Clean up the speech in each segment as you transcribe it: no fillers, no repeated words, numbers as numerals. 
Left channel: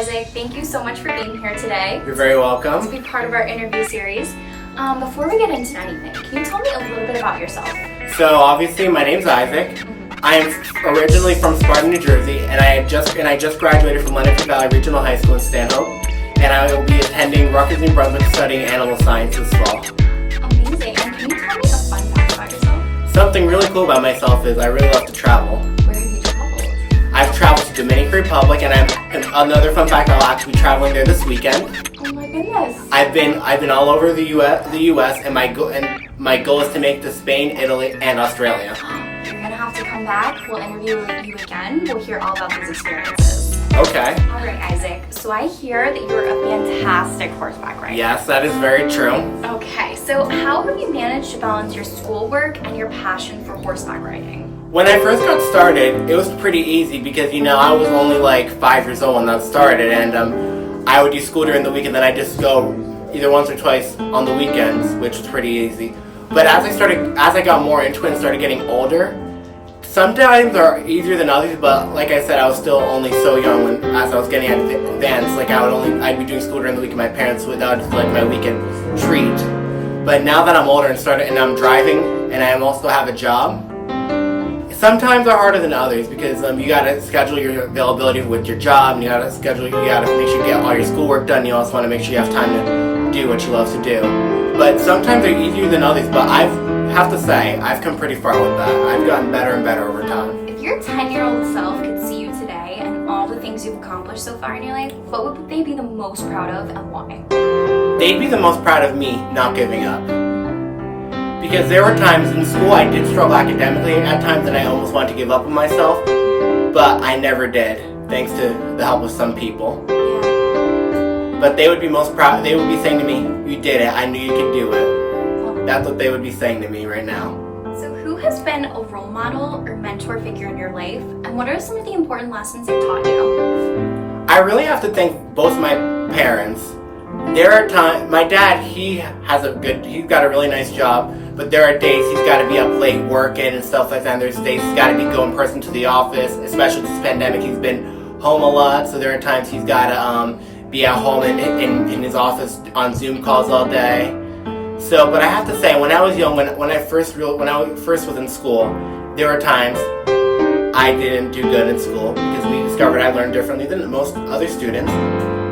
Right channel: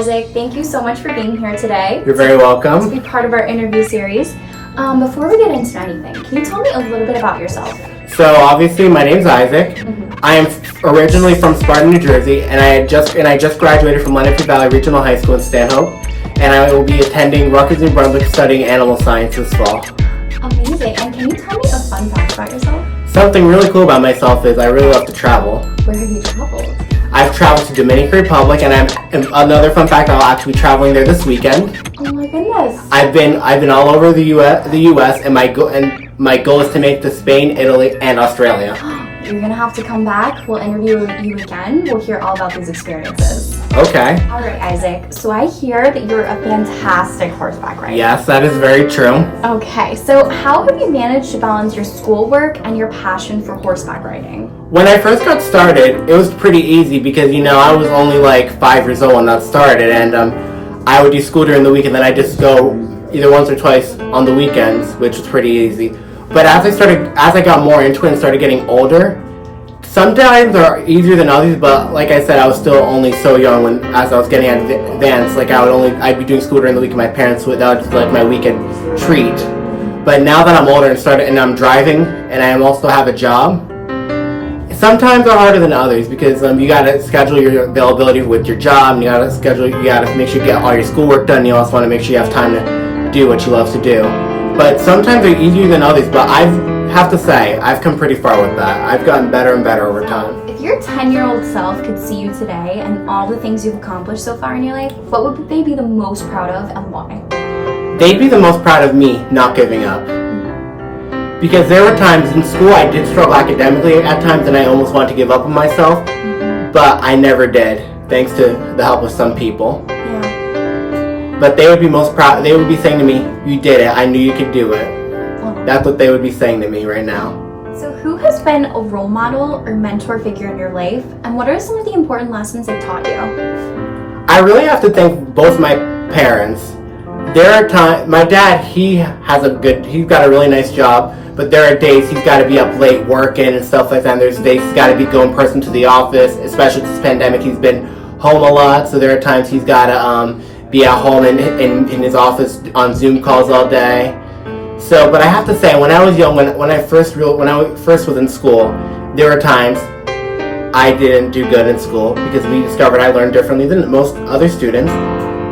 Isaac, thank you so much for being here today. You're very welcome. To be part of our interview series. Before we get into anything, can you tell me a little bit about yourself? So obviously my name's Isaac. I am originally from Sparta, New Jersey, and I just graduated from Leonard Valley Regional High School in Stanhope, and I will be attending Rutgers, New Brunswick, studying animal science this fall. Amazing. And can you tell me a fun fact about yourself? Something really cool about myself is I really love to travel. Where have you traveled? I've traveled to Dominican Republic, and another fun fact, I'll actually be traveling there this weekend. Oh my goodness. I've been all over the U.S. and my goal is to make it to Spain, Italy, and Australia. You're gonna have to come back. We'll interview you again. We'll hear all about these experiences. Okay. All right, Isaac. So I hear that you're a fantastic horseback rider. Yes, that is very true. Okay, so how have you managed to balance your schoolwork and your passion for horseback riding? When I first got started, it was pretty easy because, I was only like 5 years old when that started, and I would do school during the week, and then I just go either once or twice on the weekends, which was pretty easy. But as I got more into it and started getting older, sometimes are easier than others, but like I said, I was still only so young as I was getting advanced. Like I'd be doing school during the week with my parents, so that was just like my weekend treat. But now that I'm older and I'm driving and I also have a job, sometimes are harder than others because you gotta schedule your availability with your job, and you gotta make sure you get all your schoolwork done. You also want to make sure you have time to do what you love to do. But sometimes they're easier than others, but I have to say, I've come pretty far with that. I've gotten better and better over time. If your 10-year-old self could see you today and all the things you've accomplished so far in your life, what would they be the most proud of and why? They'd be the most proud of me not giving up. Because there were times in school I did struggle academically at times and I almost wanted to give up on myself, but I never did, thanks to the help of some people. But they would be most proud. They would be saying to me, "You did it. I knew you could do it." That's what they would be saying to me right now. So who has been a role model or mentor figure in your life, and what are some of the important lessons they've taught you? I really have to thank both my parents. There are times, my dad, he's got a really nice job, but there are days he's got to be up late working and stuff like that, and there's days he's got to be going in person to the office, especially with this pandemic. He's been home a lot, so there are times he's got to be at home in his office on Zoom calls all day. So, but I have to say, when I was young, when I first was in school, there were times I didn't do good in school because we discovered I learned differently than most other students.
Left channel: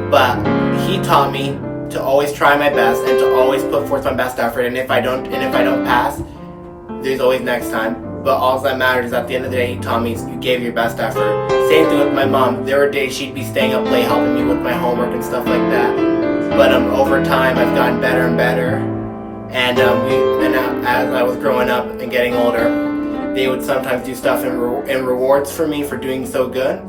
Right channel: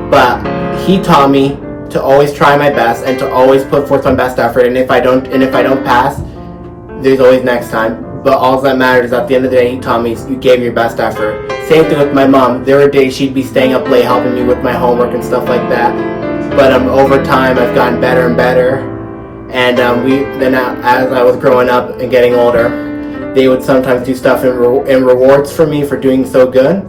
But he taught me to always try my best and to always put forth my best effort. And if I don't pass, there's always next time. But all that matters is at the end of the day, he taught me you gave your best effort. Same thing with my mom. There were days she'd be staying up late helping me with my homework and stuff like that. But over time, I've gotten better and better. And as I was growing up and getting older, they would sometimes do stuff in rewards for me for doing so good.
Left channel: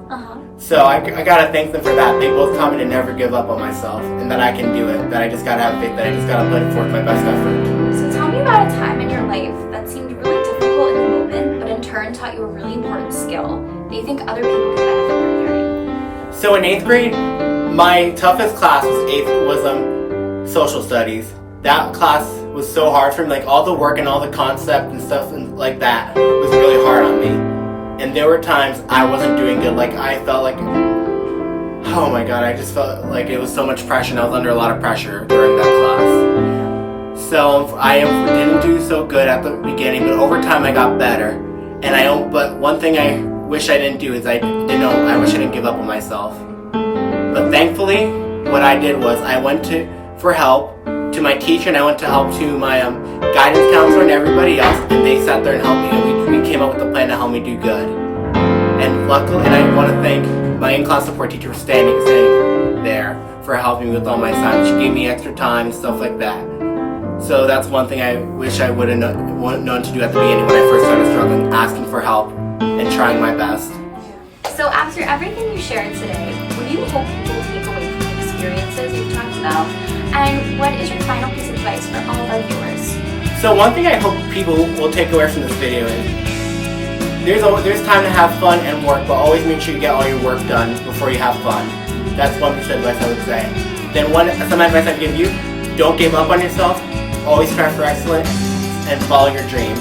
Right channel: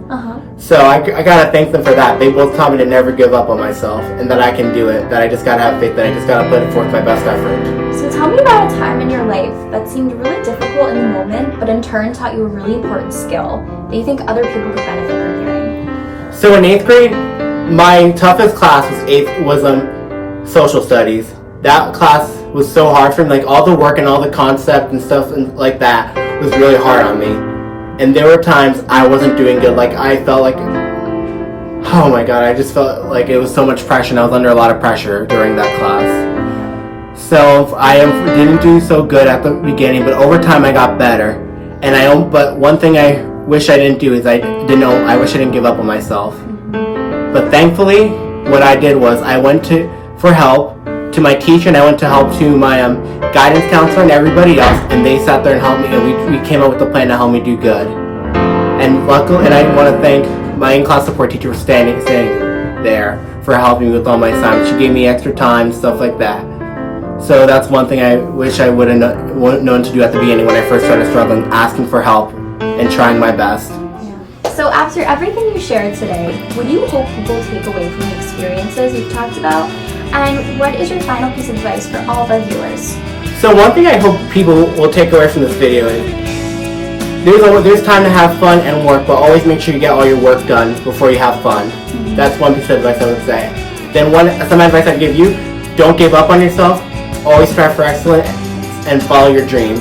So I gotta thank them for that. They both taught me to never give up on myself and that I can do it. That I just gotta have faith. That I just gotta put forth my best effort. So tell me about a time in your life that seemed really difficult in the moment, but in turn taught you a really important skill that you think other people could benefit from hearing. So in 8th grade, my toughest class was social studies. That class was so hard for me. Like all the work and all the concept and stuff and like that was really hard on me. And there were times I wasn't doing good. Like I felt like, oh my god, I just felt like it was so much pressure and I was under a lot of pressure during that class. So I didn't do so good at the beginning, but over time I got better. But one thing I wish I didn't do is I wish I didn't give up on myself. But thankfully, what I did was I went for help to my teacher, and I went to help to my guidance counselor and everybody else, and they sat there and helped me, and we came up with a plan to help me do good. And luckily, and I want to thank my in-class support teacher for standing there for helping me with all my assignments. She gave me extra time and stuff like that. So that's one thing I wish I would have known to do at the beginning when I first started struggling, asking for help and trying my best. So after everything you shared today, what do you hope people take away from the experiences you've talked about? And what is your final piece of advice for all of our viewers? So one thing I hope people will take away from this video is there's time to have fun and work, but always make sure you get all your work done before you have fun. That's one piece of advice I would say. Then some advice I'd give you, don't give up on yourself, always strive for excellence and follow your dreams.